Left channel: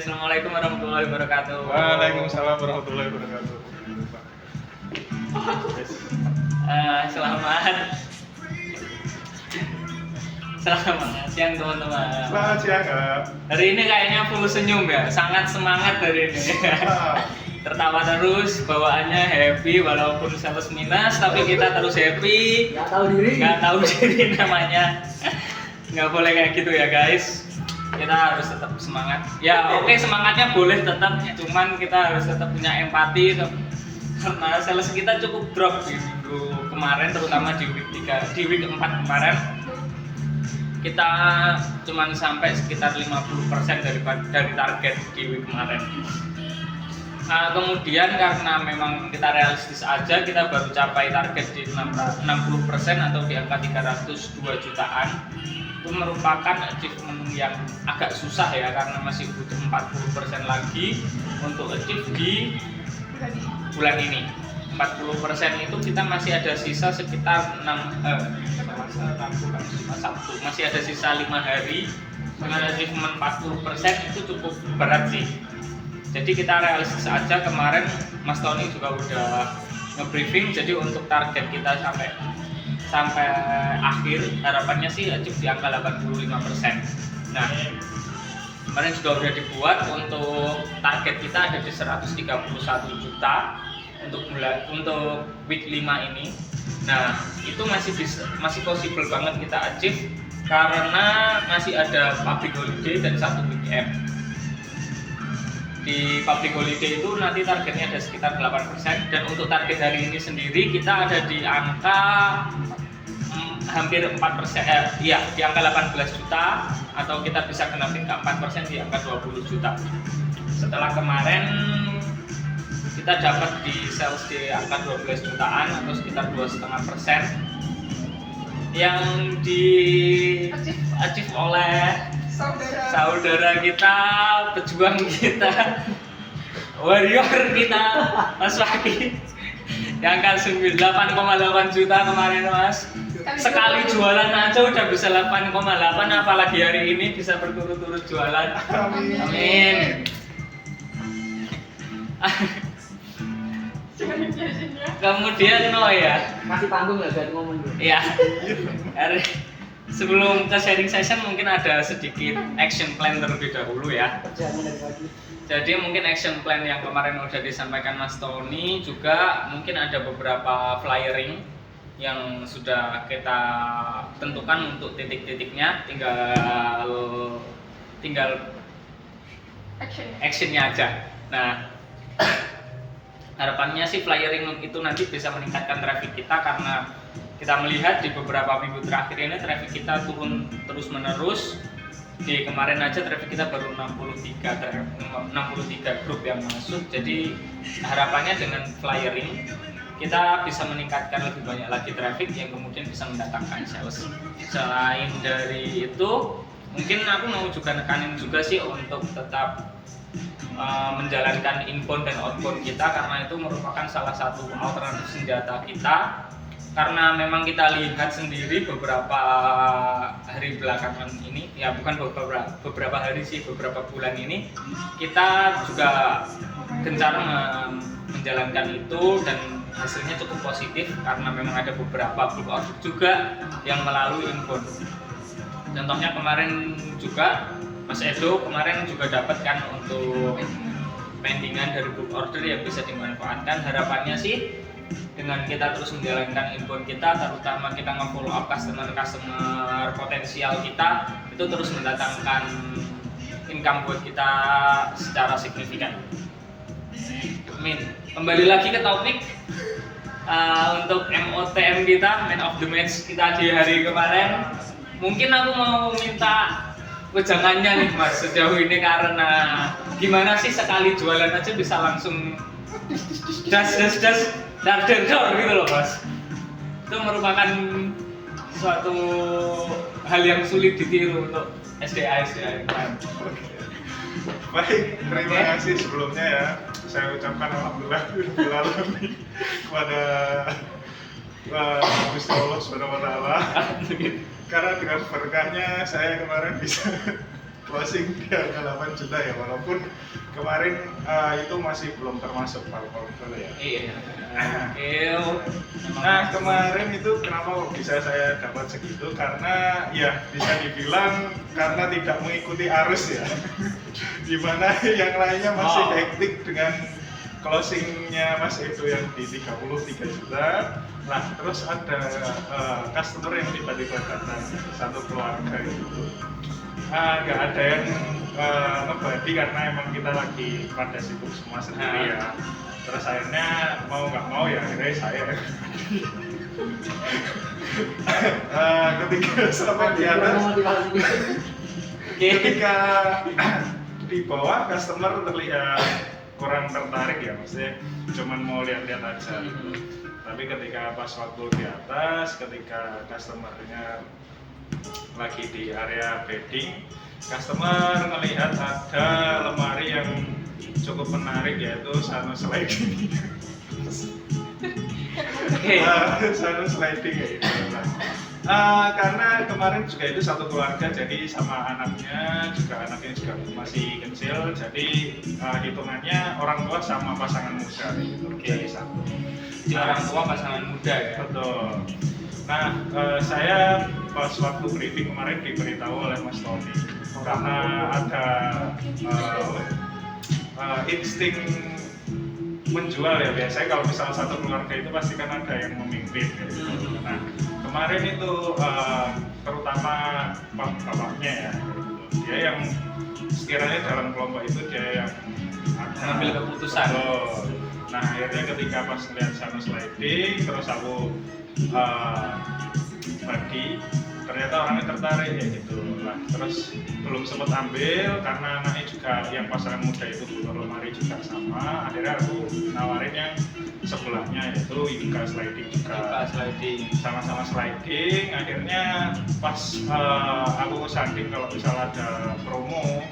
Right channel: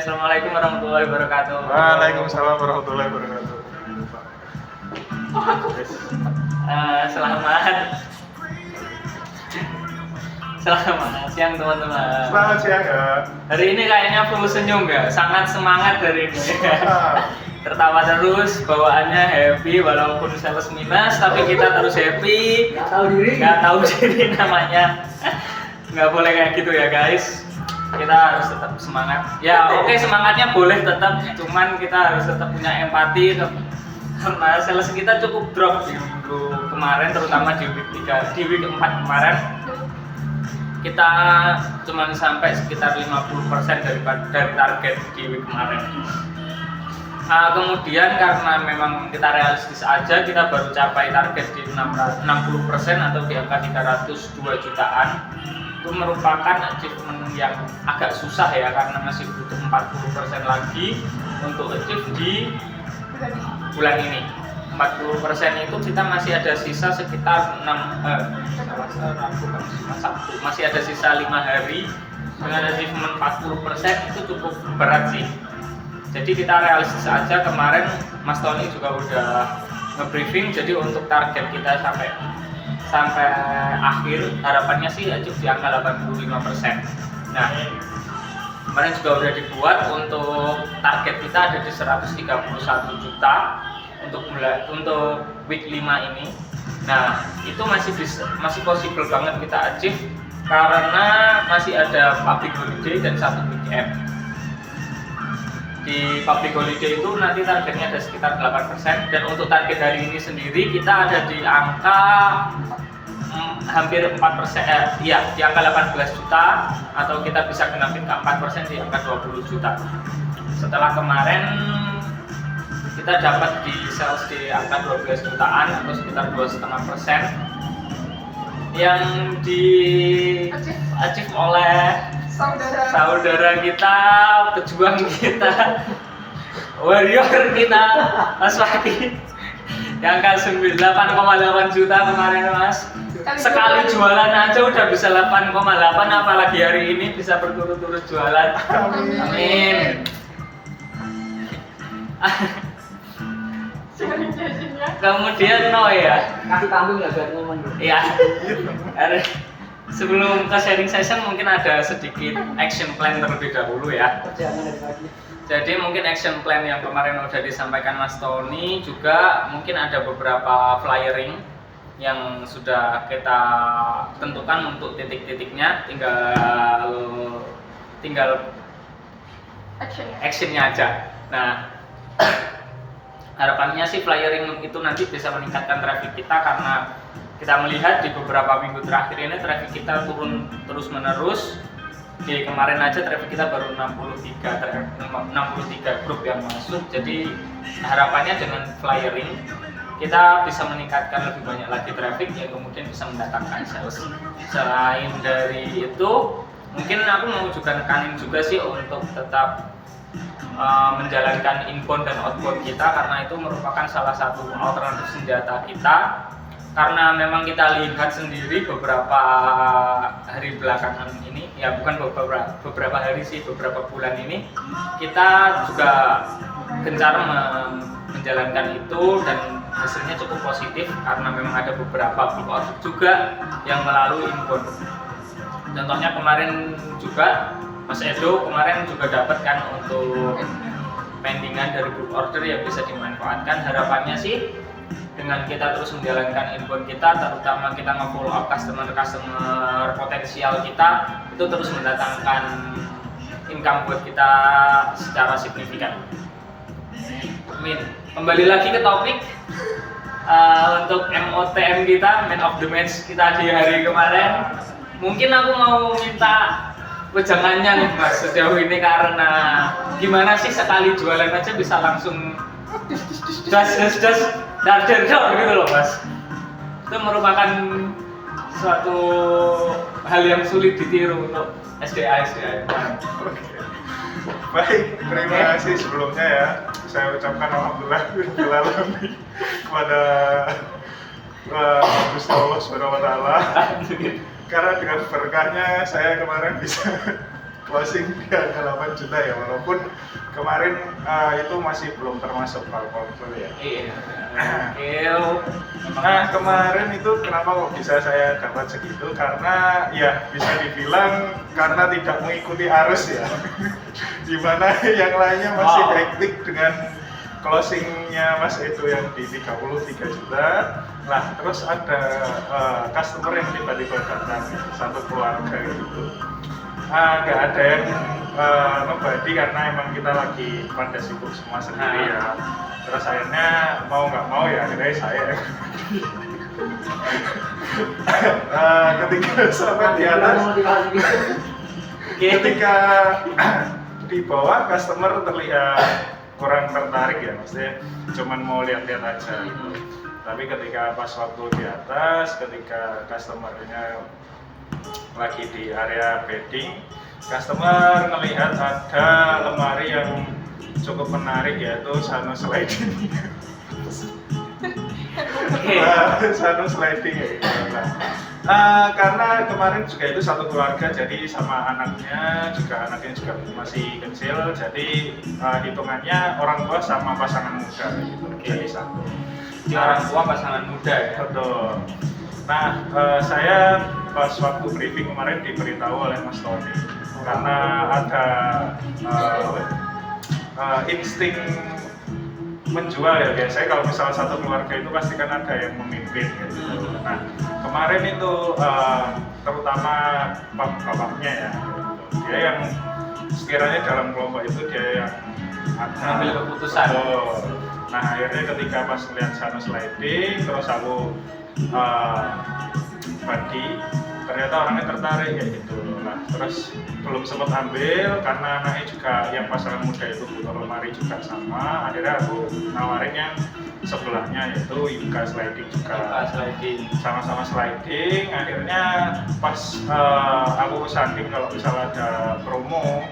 Assalamualaikum warahmatullahi wabarakatuh. Waalaikumsalam warahmatullahi wabarakatuh. Selamat siang teman-teman. Selamat siang ya. Hari ini kayaknya full senyum ya, sangat semangat hari ini. Tertawa terus, bawaannya happy walaupun sales minus, tapi kita terus happy. Nggak tahu diri namanya. Nggak boleh kayak gitu ya guys. Kita harus tetap semangat. Ya oke, semangatnya boleh tetap, cuman kita harus tetap punya empati karena sales kita cukup drop di minggu kemarin, terutama di week 3, di week 4 kemarin. Kita cuman sampai sekitar 50% dari target di week kemarin. Kemudian karena memang kita realistis aja, kita baru capai target di 60% atau di angka 302 jutaan. Itu merupakan achievement yang agak susah ya, karena masih butuh 40% lagi untuk achieve di bulan ini. 40% itu kita masih ada sisa sekitar masih ada sisa 5 hari. Dengan achievement 40% itu cukup berat sih. Jadi kita realistis aja, kemarin Mas Tony juga udah nge-briefing, jadi untuk target kita sampai akhir harapannya sih achieve di angka 85%. Nah, kemarin juga udah dibuat untuk target kita ada di 131 juta untuk week 5 ini. Nah, itu masih possible banget kita achieve karena masih ada public holiday dan 1 weekend. Di public holiday itu nanti targetnya ada sekitar 8%, dan untuk target hari ini sendiri kita ada di angka hampir 4%, di angka 18 juta, atau kita bisa genapin ke 4% di angka 20 juta. Setelah kemarin kita dapat di sales di angka 12 jutaan atau sekitar 2,5% yang di achieve oleh saudara kita, pejuang kita, warrior kita, Mas Waki, yang angka 8,8 juta kemarin Mas. Sekali jualan aja udah bisa 8,8, apalagi hari ini bisa berturut-turut jualan. Amin. Kemudian ya. Kasih panggung ya biar ngomong dulu. Iya. Sebelum ke sharing session mungkin ada sedikit action plan terlebih dahulu ya. Jangan dari pagi. Jadi mungkin action plan yang kemarin udah disampaikan Mas Tony, juga mungkin ada beberapa flyering yang sudah kita tentukan untuk titik-titiknya, tinggal actionnya aja. Nah, harapannya sih flyering itu nanti bisa meningkatkan traffic kita, karena kita melihat di beberapa minggu terakhir ini traffic kita turun terus menerus. Di kemarin aja traffic kita baru 63 grup yang masuk. Jadi harapannya dengan flyering kita bisa meningkatkan lebih banyak lagi traffic yang kemudian bisa mendatangkan sales. Selain dari itu, mungkin aku mau juga nekanin juga sih untuk tetap menjalankan inbound dan outbound kita, karena itu merupakan salah satu alternatif senjata kita. Karena memang kita lihat sendiri beberapa hari belakangan ini, ya bukan beberapa hari sih, beberapa bulan ini kita juga gencar menjalankan itu dan hasilnya cukup positif, karena memang ada beberapa bulk order juga yang melalui inbound. Contohnya kemarin juga Mas Edo kemarin juga dapat kan untuk pendingan dari bulk order yang bisa dimanfaatkan. Harapannya sih dengan kita terus menjalankan inbound kita, terutama kita nge-follow up customer potensial kita, itu terus mendatangkan income buat kita secara signifikan. Amin. Kembali lagi ke topik untuk MOTM kita, man of the match kita di hari kemarin. Mungkin aku mau minta wejangannya nih Mas sejauh ini, karena gimana sih sekali jualan aja bisa langsung das gitu loh Mas. Itu merupakan suatu hal yang sulit ditiru untuk SDA. Oke. Baik, terima kasih sebelumnya ya. Saya ucapkan alhamdulillah kepada Gusti Allah Subhanahu wa taala. Karena dengan berkahnya saya kemarin bisa closing di angka 8 juta ya, walaupun kemarin itu masih belum termasuk portfolio ya. Iya. Oke. Nah kemarin itu kenapa kok bisa saya dapat segitu, karena ya bisa dibilang karena tidak mengikuti arus ya. Dimana yang lainnya masih hektik dengan closingnya Mas Edo yang di 33 juta. Nah terus ada customer yang tiba-tiba datang, satu keluarga gitu. Nggak ada yang ngebadi karena emang kita lagi pada sibuk semua sendiri ya. Terus akhirnya mau nggak mau ya akhirnya saya yang ketika sampai di atas, ketika di bawah customer terlihat kurang tertarik ya, maksudnya cuman mau lihat-lihat aja. Tapi ketika pas waktu di atas, ketika customernya lagi di area bedding, customer melihat ada lemari yang cukup menarik, yaitu Sano sliding. Sano sliding ya gitu. Karena kemarin juga itu satu keluarga, jadi sama anaknya juga masih kecil, jadi hitungannya orang tua sama pasangan muda gitu. Jadi satu. Orang tua pasangan muda ya. Betul. Nah, saya pas waktu briefing kemarin diberitahu oleh Mas Tony karena ada insting menjual ya. Biasanya kalau misalnya satu keluarga itu pasti kan ada yang memimpin gitu. Nah, kemarin itu terutama bapaknya ya, gitu. Dia yang sekiranya dalam kelompok itu dia yang mengambil keputusan. Nah, akhirnya ketika pas melihat Sano sliding, terus aku bagi, ternyata orangnya tertarik ya gitu. Nah, terus belum sempat ambil karena anaknya juga yang pasangan muda itu butuh lemari juga sama. Akhirnya aku nawarin yang sebelahnya, yaitu Inka sliding juga. Sama-sama sliding. Akhirnya pas aku sanding kalau misalnya ada promo,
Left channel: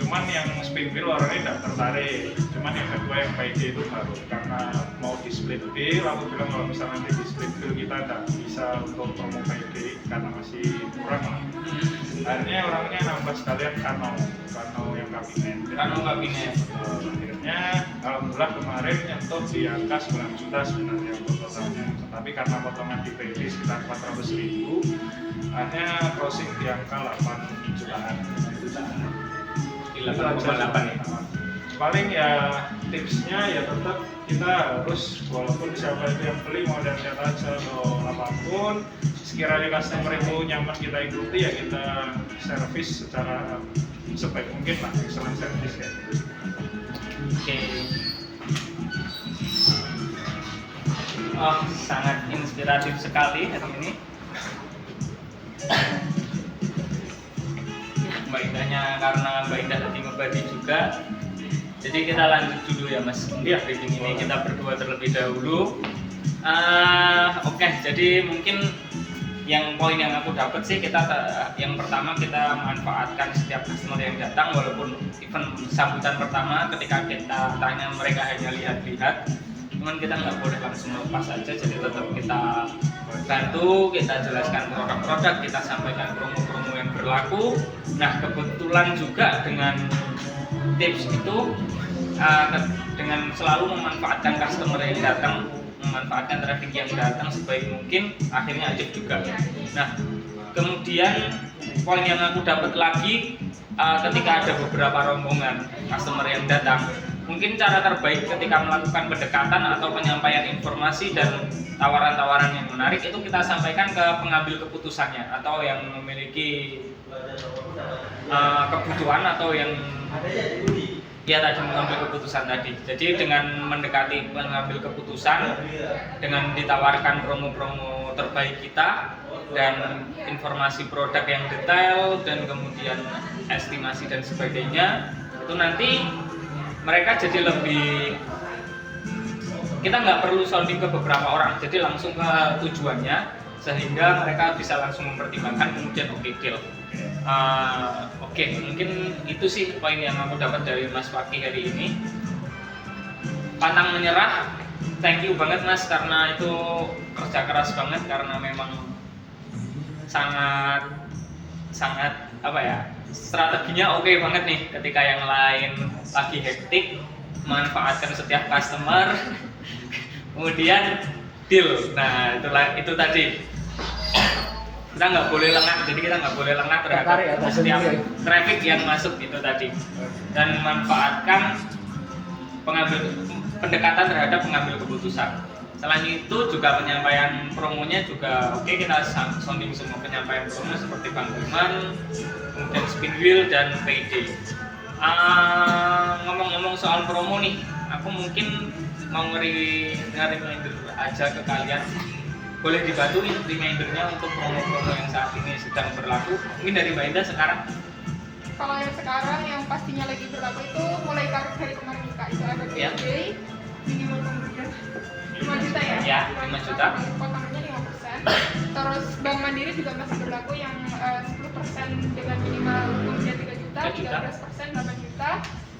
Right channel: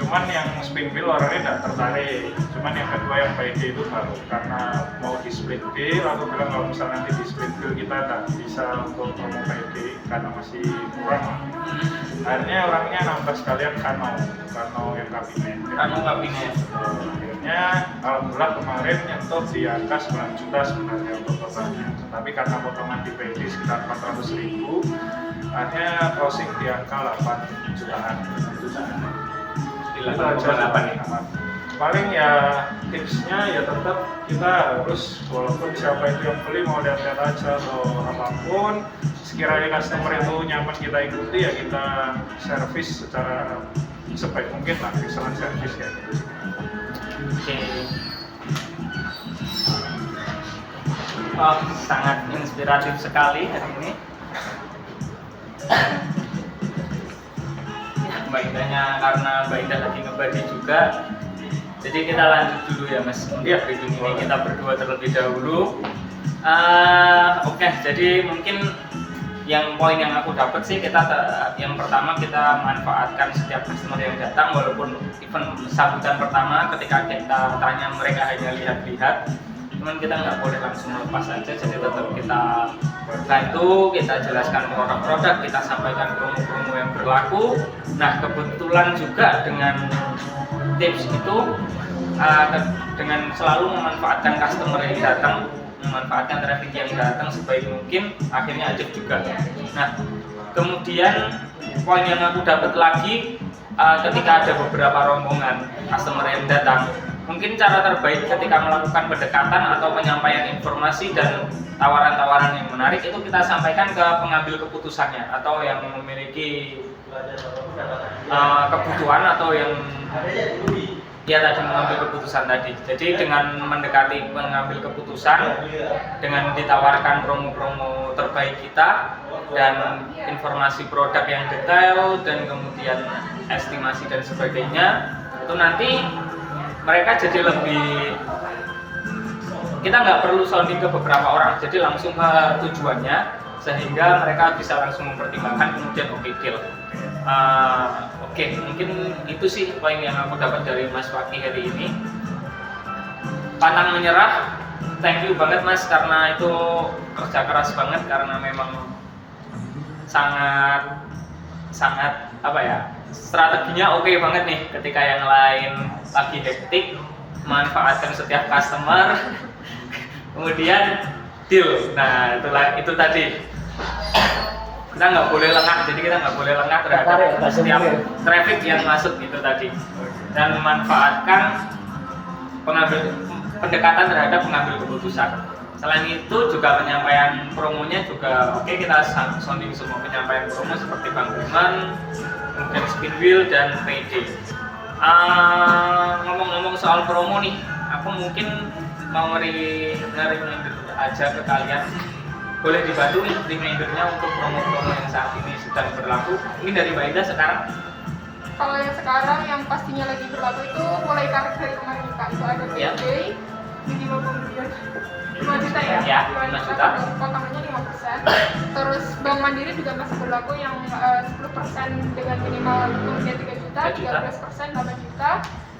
cuman yang spring wheel orangnya tidak tertarik, cuman yang kedua yang PD itu baru, karena mau di split deal. Aku bilang kalau misalnya nanti di split deal kita tidak bisa untuk promo PD karena masih kurang lah. Akhirnya orangnya nambah sekalian Kano yang kabinet. Akhirnya alhamdulillah kemarin nyentuh di angka 9 juta sebenarnya untuk totalnya, tetapi karena potongan di PD sekitar 400.000, akhirnya closing di angka 8 jutaan. 8,8 ya. Paling ya tipsnya ya tetap kita harus, walaupun siapa itu yang beli mau lihat-lihat aja atau apapun, sekiranya customer itu nyaman kita ikuti ya kita servis secara sebaik mungkin lah, excellent service kayak gitu. Oke. Sangat inspiratif sekali hari ini. Mbak Indahnya, karena Mbak Indah lagi ngebagi juga, jadi kita lanjut dulu ya Mas. Untuk briefing ini kita berdua terlebih dahulu. Oke, jadi mungkin yang poin yang aku dapat sih, yang pertama kita manfaatkan setiap customer yang datang, walaupun event sambutan pertama ketika kita tanya mereka hanya lihat-lihat, cuman kita nggak boleh langsung lepas aja, jadi tetap kita bantu, kita jelaskan produk-produk, kita sampaikan promo-promo yang berlaku. Nah, kebetulan juga dengan tips itu, dengan selalu memanfaatkan customer yang datang, memanfaatkan traffic yang datang sebaik mungkin, akhirnya ajak juga. Nah, kemudian poin yang aku dapat lagi, ketika ada beberapa rombongan customer yang datang, mungkin cara terbaik ketika melakukan pendekatan atau penyampaian informasi dan tawaran-tawaran yang menarik itu kita sampaikan ke pengambil keputusannya, atau yang memiliki kebutuhan, atau yang tadi mengambil keputusan tadi. Jadi dengan mendekati pengambil keputusan, dengan ditawarkan promo-promo terbaik kita dan informasi produk yang detail dan kemudian estimasi dan sebagainya, itu nanti mereka jadi lebih, kita nggak perlu sounding ke beberapa orang, jadi langsung ke tujuannya, sehingga mereka bisa langsung mempertimbangkan kemudian deal. Oke, mungkin itu sih poin yang aku dapat dari Mas Fakih hari ini. Pantang menyerah, thank you banget Mas, karena itu kerja keras banget, karena memang sangat apa ya, strateginya oke banget nih ketika yang lain lagi hektik, manfaatkan setiap customer kemudian deal. Nah itu tadi kita nggak boleh lengah, jadi kita nggak boleh lengah terhadap setiap traffic yang masuk itu tadi, dan memanfaatkan pendekatan terhadap pengambil keputusan. Selain itu juga penyampaian promonya juga oke, kita sounding semua penyampaian promo seperti bungkuman, kemudian spin wheel dan PD. Ngomong-ngomong soal promo nih, aku mungkin mau reminder aja ke kalian, boleh dibantu untuk remindernya untuk promo-promo yang saat ini sedang berlaku. Mungkin dari Mbak Indah sekarang. Kalau yang sekarang yang pastinya lagi berlaku itu mulai tarik dari kemarin kita itu ada PJ minimal pembelian 5 juta ya? Ya, 5 juta. Potongannya 5%. Terus Bank Mandiri juga masih berlaku yang 10% dengan minimal pembelian 3 juta, 13% 8 juta.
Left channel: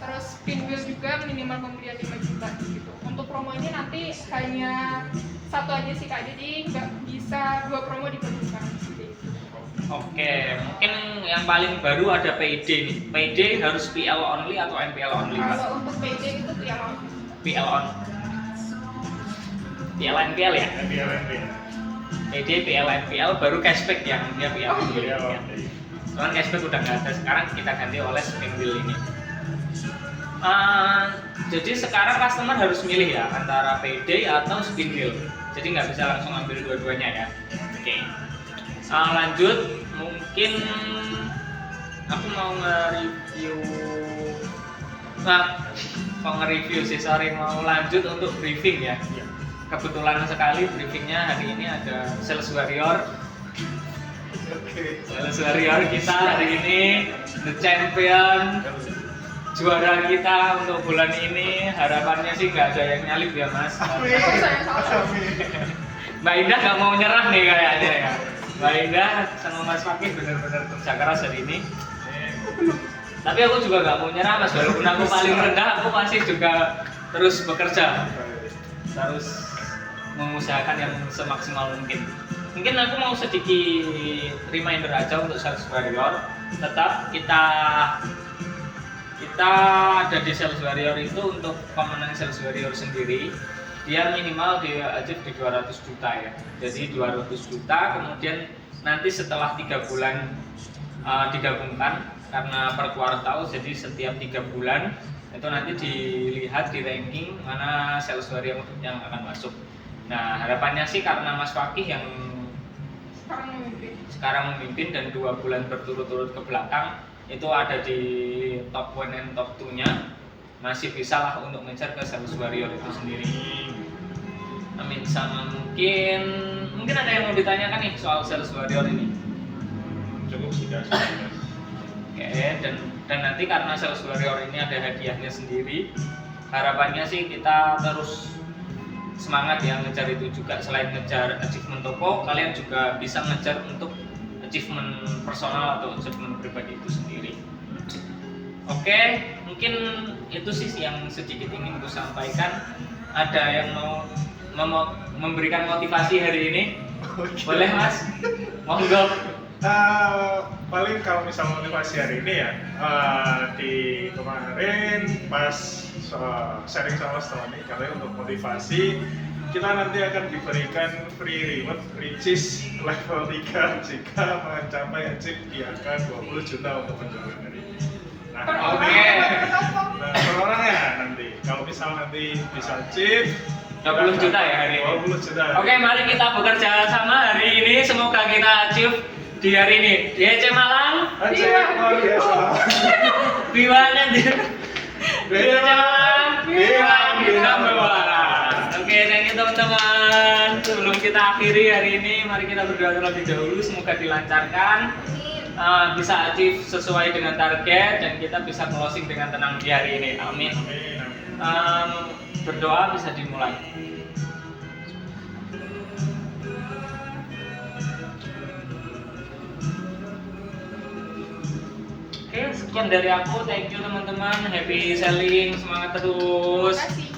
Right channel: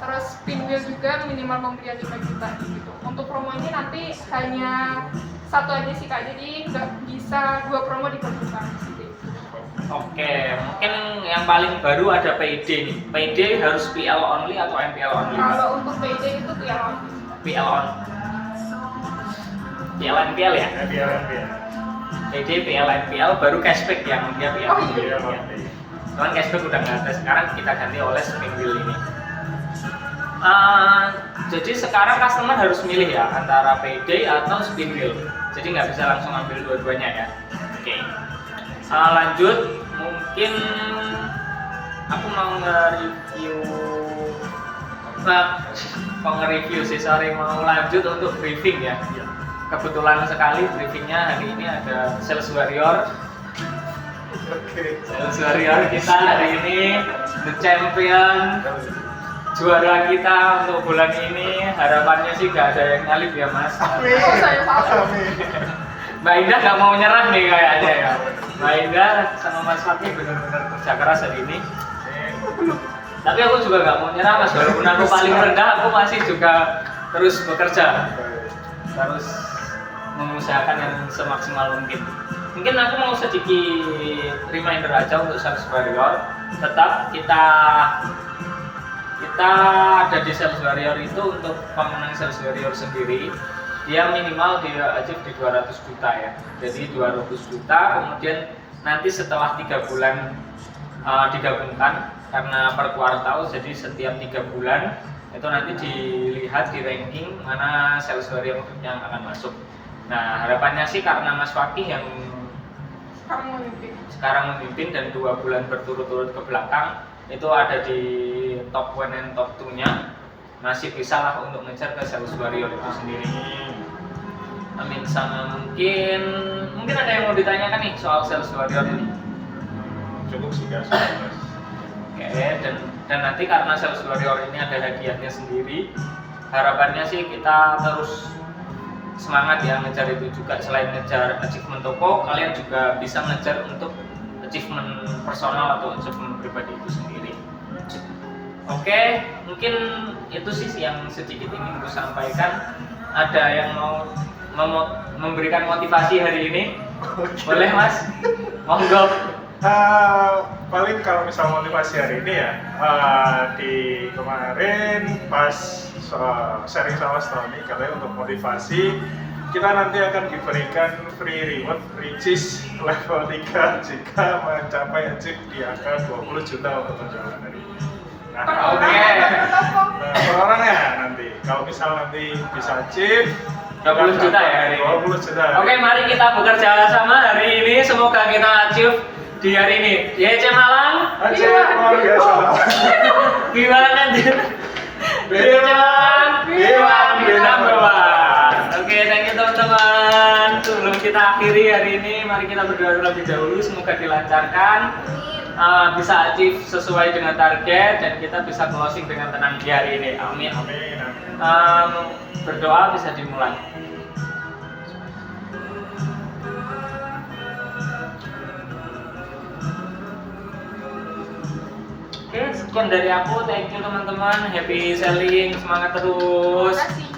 Terus spin wheel juga minimal pembelian 5 juta gitu. Untuk promo ini nanti hanya satu aja sih Kak, jadi nggak bisa 2 promo digabungkan gitu. Oke, mungkin yang paling baru ada PD nih. PD harus PL only atau MPL only? Kalau untuk PD itu PL only. PL on. PL NPL ya? NPL. PD PL NPL baru cashback yang dia PL Oh, only. iya. Cuman cashback udah nggak ada, sekarang kita ganti oleh spin wheel ini. Jadi sekarang customer harus milih ya antara PD atau spin wheel. Jadi nggak bisa langsung ambil dua-duanya ya. Oke. Lanjut, mungkin aku mau nge-review. Mau nge-review sih, sorry, mau lanjut untuk briefing ya. Kebetulan sekali briefingnya hari ini ada Sales Warrior. Sales Warrior kita hari ini the champion, juara kita untuk bulan ini. Harapannya sih nggak ada yang nyalip ya Mas. Oh, saya salah. Mbak Indah nggak mau nyerah nih kayaknya ya. Mbak Indah sama Mas Fakih benar-benar kerja keras hari ini. Tapi aku juga nggak mau nyerah Mas, walaupun aku paling rendah, aku masih juga terus bekerja, terus mengusahakan yang semaksimal mungkin. Mungkin aku mau sedikit reminder aja untuk Sales Warrior. Tetap kita ada di Sales Warrior itu untuk pemenang Sales Warrior sendiri. Dia minimal dia achieve di 200 juta ya. Jadi 200 juta, kemudian nanti setelah 3 bulan digabungkan karena per kuartal, jadi setiap 3 bulan itu nanti dilihat di ranking mana Sales Warrior yang akan masuk. Nah harapannya sih karena Mas Fakih yang sekarang memimpin dan 2 bulan berturut-turut ke belakang itu ada di top 1 dan top 2 nya, masih bisa lah untuk ngejar ke Sales Warrior itu sendiri. Amin. Sama mungkin ada yang mau ditanyakan nih soal Sales Warrior ini. Cukup sih guys. Oke, dan nanti karena Sales Warrior ini ada hadiahnya sendiri, harapannya sih kita terus semangat ya ngejar itu juga. Selain ngejar achievement toko, kalian juga bisa ngejar untuk achievement personal atau achievement pribadi itu sendiri. Oke, mungkin itu sih yang sedikit ingin aku sampaikan. Ada yang mau memberikan motivasi hari ini? Okay. Boleh Mas? Monggo. Paling kalau misal motivasi hari ini ya, di kemarin pas sharing sama Stony kalian untuk motivasi, kita nanti akan diberikan free reward which level 3 jika mencapai achieve di angka 20 juta untuk penjualan hari ini. Nah, per orang ya nanti kalau misal nanti bisa achieve 20 juta ya hari ini. 20 juta. Oke, mari kita bekerja sama hari ini, semoga kita achieve di hari ini. YC Malang. Achieve luar biasa. Bilang aja. YC Malang. Bilang di number one. Oke, thank you teman-teman. Sebelum kita akhiri hari ini, mari kita berdoa terlebih dahulu. Semoga dilancarkan, bisa achieve sesuai dengan target, dan kita bisa closing dengan tenang di hari ini. Amin. Berdoa bisa dimulai. Oke, sekian dari aku. Thank you teman-teman. Happy selling, semangat terus. Terima kasih.